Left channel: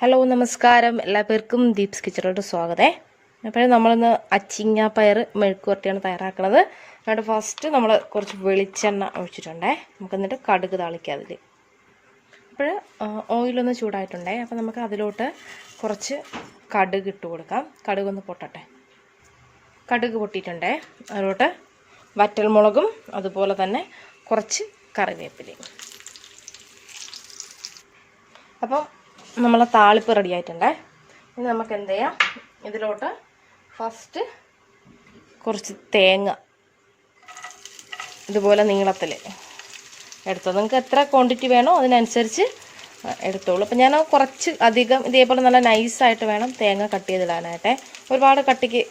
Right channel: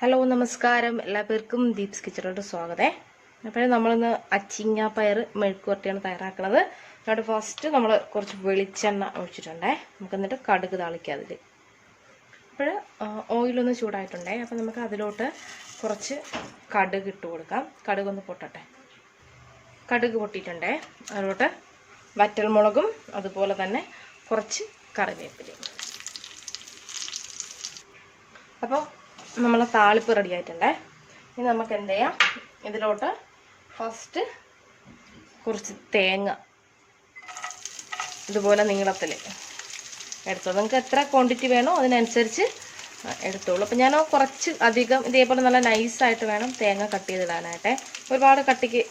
Hello നമസ്കാരം, എല്ലാവർക്കും ദീപ്സ് കിച്ചണിലോട്ട് സ്വാഗതം. അപ്പോഴും നമ്മളിന്ന് അച്ചിങ്ങ പയർ മെഴുക്കുവരട്ടിയാണ് തയ്യാറാക്കുന്നത്. അതുകൊണ്ട് ഫസ്റ്റ് നമ്മൾ കുറച്ച് വെളിച്ചെണ്ണ ഒഴിച്ചിട്ടുണ്ടേ. നമുക്ക് എന്നിട്ട് കടുക് താളിക്കാം അതിൽ. അപ്പോൾ ഓയിലൊന്ന് ചൂടായിട്ടുണ്ടേ. അപ്പോൾ നമുക്ക് അതിലോട്ട് കുറച്ച് കടുക് ഇട്ട് കൊടുക്കാം. കടുകൊന്ന് പൊട്ടട്ടെ. കടുക് പൊട്ടിയിട്ടുണ്ടേ. അതിലോട്ട് വറ്റൽമുളകും അതുപോലെ തന്നെ കുറച്ച് കറിവേപ്പിലയും. അപ്പോൾ നമ്മളെ താളിപ്പ് റെഡി ആയിട്ടുണ്ട്. ഇനി നമുക്ക് എന്ത് ചെയ്യാം, ഇതിലോട്ട് ഫസ്റ്റ് കുറച്ച് തേങ്ങ ഇതുപോലെ നീളത്തിൽ എടുത്തോ. നിങ്ങൾക്ക് എത്ര ക്വാണ്ടിറ്റി വേണോ അതിനനുസരിച്ച് എടുത്തോളൂ. അപ്പം ഞാൻ കുറച്ച് അധികം ഇതേപോലെ നല്ല നൈസായിട്ട് വേണം തേങ്ങ കട്ട് ചെയ്തിടാനായിട്ടെ. ഒരുപാട് കട്ടിക്ക്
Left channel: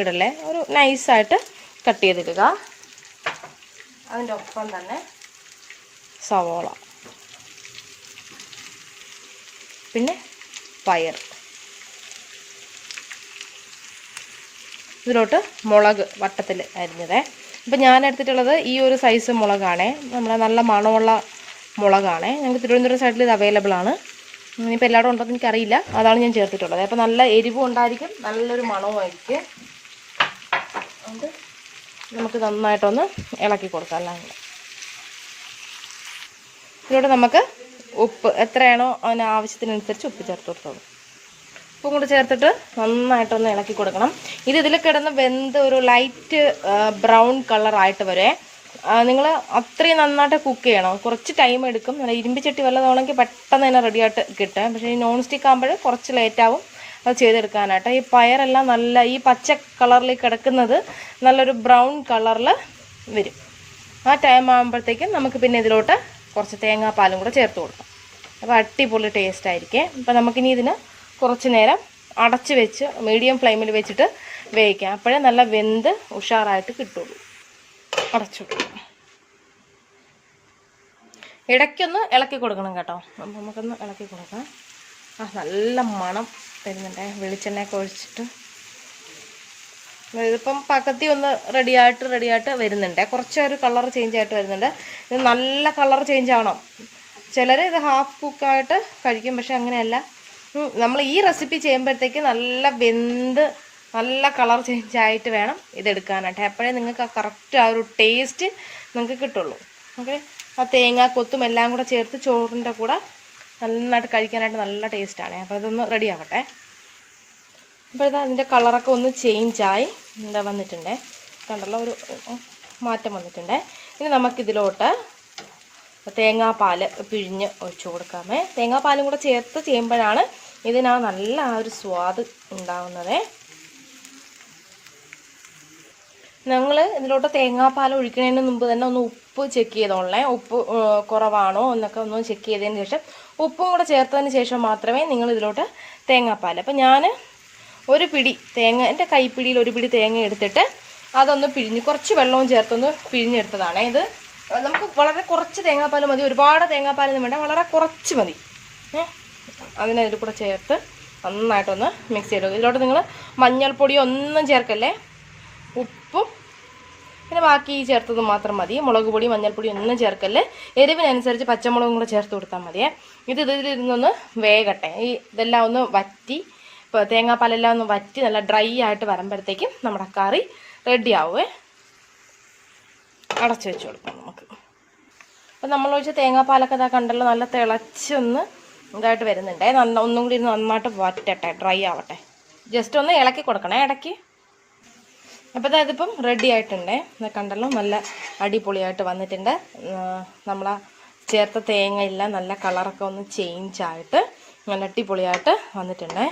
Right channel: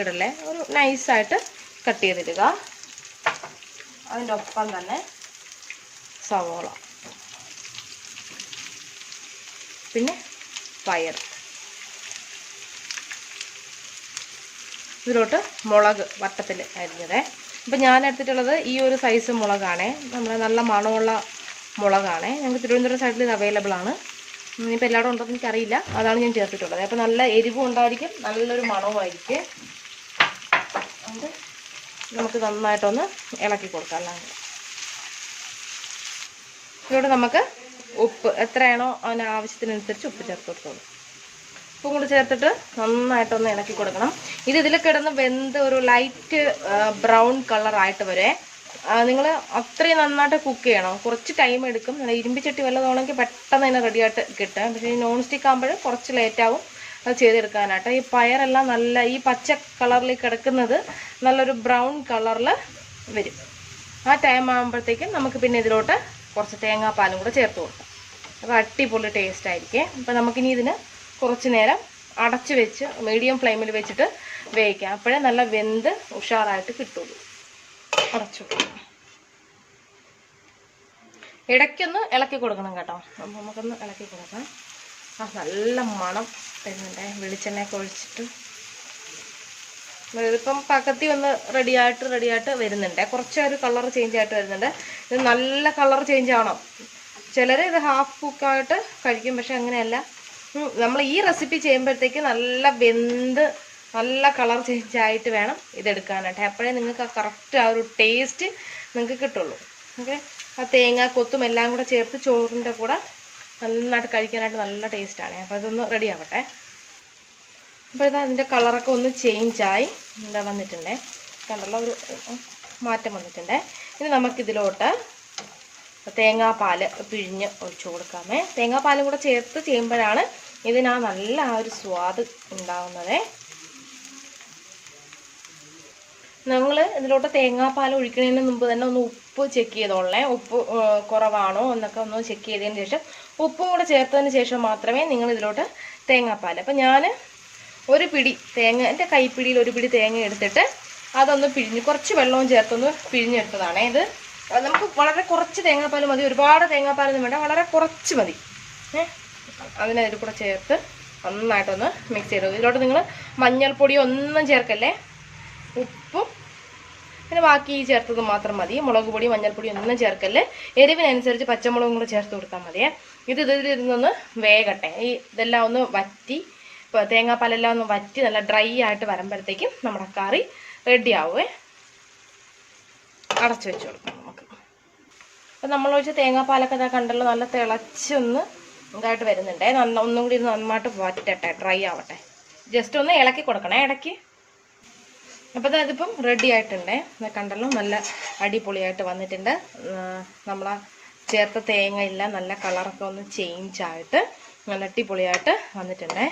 ഇടല്ലേ, ഒരു നൈസായിട്ട് കട്ട് ചെയ്തിടുക. അതിൻ്റെ ഒപ്പം തന്നെ സവോള, പിന്നെ പയർ, ഇതിലോട്ട് മുളക് വട്ടത്തിൽ അരിഞ്ഞതേ. അപ്പം ഞാൻ എടുത്തിട്ടുള്ളത് ഈ ഒരു സൈസ് മുളകാണേ, നമ്മുടെ നല്ല മണമുള്ള മുളകാണേ. ഞങ്ങൾക്ക് തിരുവനന്തപുരം സൈഡിൽ ഇത് അവൈലബിൾ ആണ്. ഇനിയിപ്പോൾ എല്ലായിടും ഉണ്ടോ എന്ന് എനിക്കറിയില്ല, അതാണ് ഞാൻ ചേർത്തിട്ടുള്ളത്. അപ്പോൾ നല്ല എരിവും ഉണ്ടായിരിക്കും, നല്ലൊരു മണവുമായിരിക്കും. അത് നമുക്ക് നന്നായിട്ടൊന്ന് ഇളക്കി കൊടുക്കാം. എല്ലാം കൂടെ ഇതിലോട്ട് നമുക്ക് ഉപ്പ് എത്രയാണോ അതിന് ആവശ്യത്തിനനുസരിച്ച് ഉപ്പ് ചേർത്ത് കൊടുത്തോളൂ. ഉപ്പും കൂടി ചേർത്തിട്ട് നന്നായിട്ടൊന്ന് ഇളക്കി കൊടുക്കണം. ഇതിൽ കിടന്ന് വെന്ത് ഒരു ലൈറ്റ് ബ്രൗൺ കളറായിട്ട് വരെ. നിങ്ങൾ അത്രയും നന്നായിട്ട് കുക്ക് ചെയ്യണം. കുറച്ച് ടൈം എടുക്കും. നല്ല ഇരുമ്പിച്ചട്ടി വല്ലതാണെങ്കിൽ പെട്ടെന്ന് തന്നെ റെഡിയായിട്ട് കിട്ടും. പക്ഷേ ഈ നോൺ സ്റ്റിക്ക് ആകുമ്പോൾ കുറച്ച് ലേറ്റാവും അത് ചെയ്തെടുക്കാനായിട്ട്. ഈ പയറെല്ലാം നല്ല ഈ പച്ച കളറിൽ കിടക്കുന്നത് നല്ലൊരു ബ്രൗൺ കളറിൽ വരും. ആ ടൈം ആകുമ്പോഴത്തേക്കും നമുക്ക് പിന്നെ ഇതിലോട്ട് കുറച്ച് തേങ്ങാപ്പാലും കൂടെ ചേർത്ത് കൊടുക്കാം. അപ്പോൾ അടിപൊളി ടേസ്റ്റ് ആയിരിക്കും. അപ്പോൾ നമുക്കിനി ഇതിന് കുറച്ച് നേരം അടച്ച് വെച്ച് മീഡിയം ഫ്ലെയിമിൽ വെച്ചിട്ട് വേവിക്കാം. അപ്പോഴേ നല്ല വെന്ത് ഉഷാറായിട്ട് കിട്ടുള്ളൂ. അടച്ചിട്ടു ഇടയ്ക്കൊന്ന് ഇളക്കി കൊടുക്കണം കേട്ടോ. നമുക്കൊന്ന് ഇളക്കി കൊടുക്കാം. നല്ല മണം തരുന്നുണ്ട് വെളിച്ചെണ്ണയൊക്കെ ഒഴിച്ചിട്ട്. ഇതിപ്പം പക്കത്തി ഒന്ന് റെഡിയായിട്ട് വരുന്നുണ്ട്. കുറച്ചൊരു കളർ ചേഞ്ച് ആയിട്ട് വരുന്നുണ്ട്. ഇത് നല്ല കളർ ചേഞ്ച് ആവണം. ചിലർ ഇത് ഹാഫ് കുക്കായിട്ട് കഴിക്കും, പക്ഷെ അങ്ങനെയല്ല. നമ്മൾ ഈ റെസിപ്പി ചെയ്യുമ്പോഴത്തേക്ക് നല്ല വെന്ത് നല്ല കളർ ചേഞ്ച് ആയിട്ട് വേണം ഇതെടുക്കാനായിട്ട്. അപ്പോഴേ നിങ്ങൾക്ക് കറക്റ്റ് ആ ഒരു ടേസ്റ്റ് നിങ്ങൾക്ക് കിട്ടുള്ളൂ. ഓക്കെ, ആ തേങ്ങ കൊത്തും എല്ലാം കൂടെ ചേർത്ത് ചോറിൻ്റെ കൂടെ നന്നായിട്ട് കഴിക്കാനായിട്ട് നല്ല ടേസ്റ്റാണ്. അപ്പോൾ ഇതൊന്ന് റെഡി ആകട്ടെ. അപ്പോൾ ഇത് അതിൻ്റെ കളറൊക്കെ ഒന്ന് ചേഞ്ചായി എന്താ വന്നിട്ടുണ്ട്, കണ്ടല്ലോ, ഒരു മാറ്റം വന്നിട്ടുണ്ട്. ഇനി നമുക്കിതിലോട്ട് തേങ്ങാപ്പാൽ പിഴിഞ്ഞ് ഒഴിച്ചു കൊടുക്കാമേ. തേങ്ങാപ്പാലും കൂടെ ചേർത്ത് ചെയ്യുമ്പോഴാണ് ഇതിനാ നല്ല ആ ഒരു സ്വാദ് ഉണ്ടാവുന്നത്. ഞങ്ങൾ ഇതിലോട്ട് തേങ്ങാപ്പാൽ ഒഴിക്കുന്നതിന് മുമ്പ് തന്നെ ഒന്ന് ഉപ്പ് ചെക്ക് ചെയ്തോളേ. ഉപ്പ് കുറവാണോ എന്നൊക്കെ ഒന്ന് ചെക്ക് ചെയ്തതിന് ശേഷം ഉപ്പും കൂടെ ചേർത്തതിന് ശേഷം മാത്രമേ നിങ്ങൾ ഇതിലോട്ട് തേങ്ങാപ്പാൽ. അപ്പം ഞാൻ ഒരു പിടി തേങ്ങ, എൻ്റെ കൈപ്പിടിയിൽ ഒരു പിടി തേങ്ങ എടുത്തിട്ട് അതൊന്ന് പിഴിഞ്ഞ് കുറച്ച് വെള്ളവും ചേർത്തൊന്ന് പിഴിഞ്ഞെടുത്തതാണ്. ഇത് നമുക്ക് വളരെ കുറച്ച് തേങ്ങാപ്പാൽ മതി, ഒരുപാട് തേങ്ങാപ്പാലൊന്നും വേണ്ട, വളരെ കുറച്ച് മതി. അതിനതിൽ കൂടെ ചേർത്ത് നന്നായിട്ടൊന്ന് മിക്സ് ചെയ്തു. ഇതിലോട്ട് നിങ്ങൾ മഞ്ഞൾപ്പൊടി ഒന്നും ചേർക്കല്ലേ, ഉപ്പും പിന്നെ ബാക്കി ചേർത്തത് മാത്രം മതി. മുളക് പൊടി മഞ്ഞൾപ്പൊടി ഒന്നും ചേർക്കല്ലേ. എരിവിനനുസരിച്ച് പച്ചമുളകും കൂടെ ചേർത്ത് കൊടുത്താൽ മതിയേ. ഇതിലിരുന്നൊന്ന് വേകട്ടെ. ഇതെല്ലാം ഒന്ന് വറ്റി, ഇപ്പോൾ തേങ്ങാപ്പാലെല്ലാം ഒന്ന് വറ്റി നല്ല ഡ്രൈ ആയിട്ട് വരുമ്പോഴത്തേക്കും നമ്മുടെ കറി റെഡി ആവുമേ. അടച്ചു വെച്ച് കൊടുക്കാം നമുക്ക്. അപ്പോൾ നമ്മളൊഴിച്ച് തേങ്ങാപ്പാലൊക്കെ ഇതാ കണ്ടല്ലോ, നല്ല തിളച്ചൊന്ന് ഇതായിട്ട് വരുന്നുണ്ടേ. ഒന്നും കൂടി നന്നായിട്ട് വറ്റട്ടെ, ഡ്രൈ ആവട്ടെ. ജസ്റ്റ് ഒന്ന് ഇളക്കി കൊടുക്കണേ ഇടയ്ക്ക്. അപ്പോൾ ഇതിപ്പം റെഡി ആയിട്ടുണ്ടേ. കണ്ടല്ലോ, നല്ല അടിപൊളിയായിട്ട് വന്നിട്ടുണ്ട്. നമ്മളാ ചേർത്ത തേങ്ങയെല്ലാം നല്ല കളറൊക്കെ ഒന്ന് ചേഞ്ചായിട്ട് നല്ല അടിപൊളിയായിട്ട് വന്നിട്ടുണ്ടേ.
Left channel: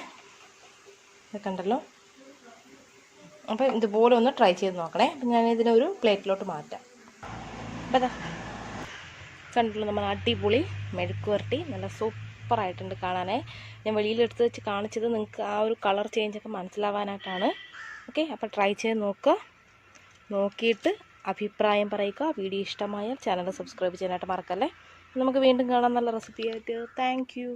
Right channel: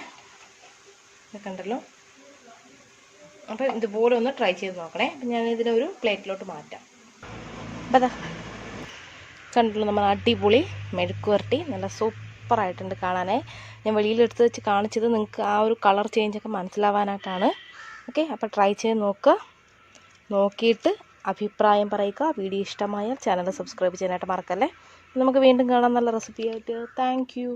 കണ്ടല്ലോ. അപ്പോൾ ഇതുപോലെ ഒന്ന് ട്രൈ ചെയ്ത് നോക്കണേ. അപ്പം ഞാനിതിനൊരു പ്ലേറ്റിലോട്ട് മാറ്റാം. അപ്പോൾ അതാ കണ്ടല്ലോ, നമ്മൾ അടിപൊളി മെഴുക്കുവരട്ടി നല്ല സൂപ്പറായിട്ടുണ്ട് കാണാനേ. ഞാൻ വെളിയിലെടുത്ത് വെച്ച് കാണിച്ചത് നിങ്ങൾക്ക് ആ ഒരു കളർ ചേഞ്ചൊക്കെ മനസ്സിലാവാനായിട്ടാണ്. ഓക്കെ, അപ്പോൾ ട്രൈ ചെയ്ത് നോക്കുക. നോക്കിയിട്ട് അഭിപ്രായം പറയുക. വീഡിയോ ഇഷ്ടമായാൽ ചാനൽ സബ്സ്ക്രൈബ് ചെയ്യാനായിട്ട് മറക്കല്ലേ. നമുക്ക് വീണ്ടും കാണാം നല്ല റെസിപ്പിയായിട്ട്. Thank you.